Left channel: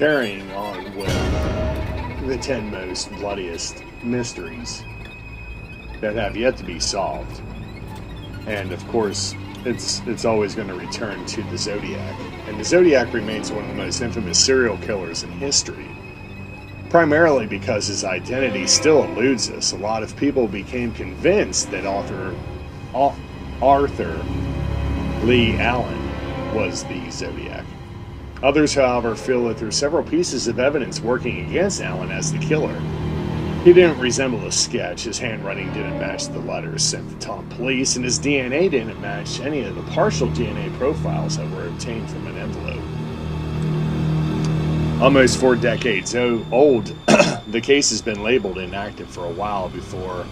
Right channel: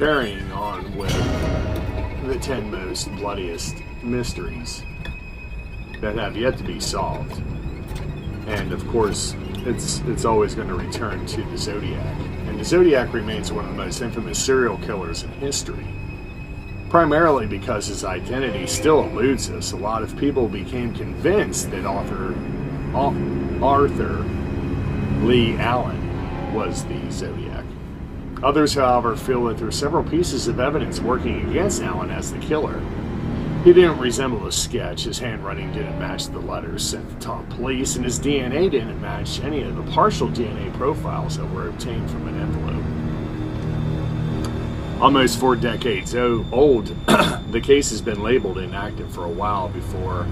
carrying on with the 10 most bloodiest mysteries that have yet to be solved. And of course, it's always going to return to the Zodiac. And the Zodiac remains one of the most infamous serial killers in history, primarily because his identity still eludes us. A lot of people became convinced that Arthur Lee Allen was the Zodiac. Others, however, feel that there are several pieces of evidence working against Allen as the killer. He didn't resemble a sketch, his handwriting didn't match the letters sent to top police, and his DNA didn't match any of the partial DNA profiles that were obtained from an envelope. Almost 4 decades old, the case has been labeled inactive for a while before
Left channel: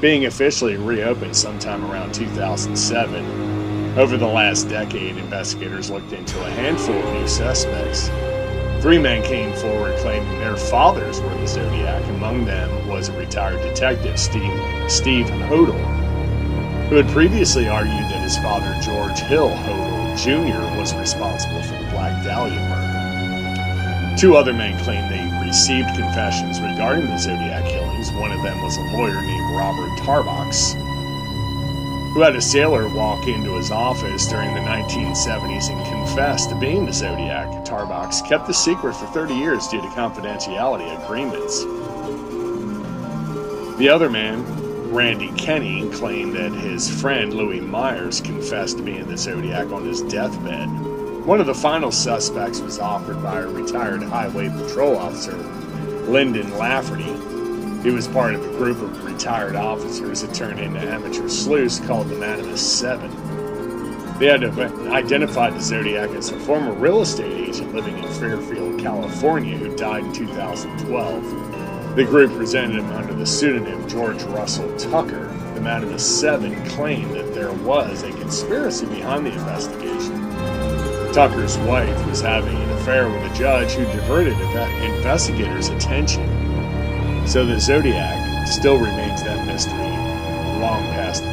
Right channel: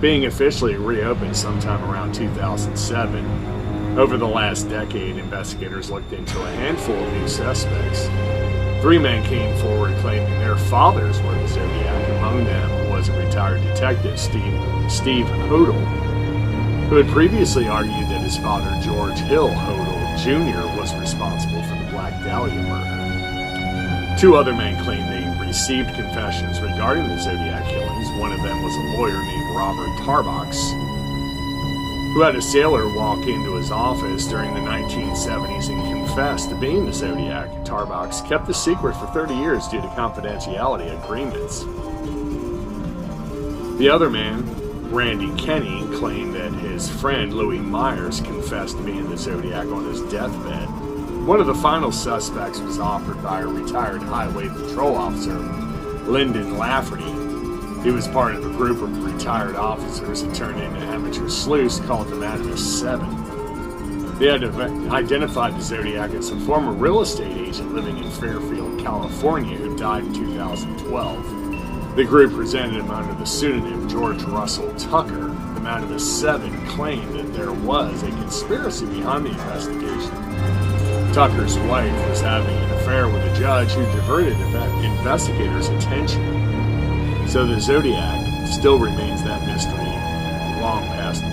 being officially reopened sometime around 2007. Over the last decade, investigators looked into a handful of new suspects. 3 men came forward claiming their fathers were the Zodiac. Among them was a retired detective, Steve Hodel, who had previously argued that his father, George Hill Hodel Jr., was responsible for the Black Dahlia murder. 2 other men claimed they received confessions regarding the Zodiac killings. One of them was a lawyer named Robert Tarbox, who had a sailor walk into his office during the 1970s and confessed to being the Zodiac. Tarbox kept the secret for 30 years due to confidentiality agreements. The other man, Randy Kenny, claimed that his friend Louis Myers confessed to being the Zodiac on his deathbed. One of the final suspects was offered by a retired highway patrol officer, Lyndon Lafferty. He was part of a group of retired officers that turned into amateur sleuths called the Minimus 7. They had identified the Zodiac as a former real estate agent living in Fairfield, California, who died in 2012. The group presented him under the pseudonym George Russell Tucker. The Minimus 7 claimed that there was a conspiracy behind the investigation. Tucker's wife was having an affair with a judge who diverted investigators' attention. So the Zodiac still remains that mystery long past the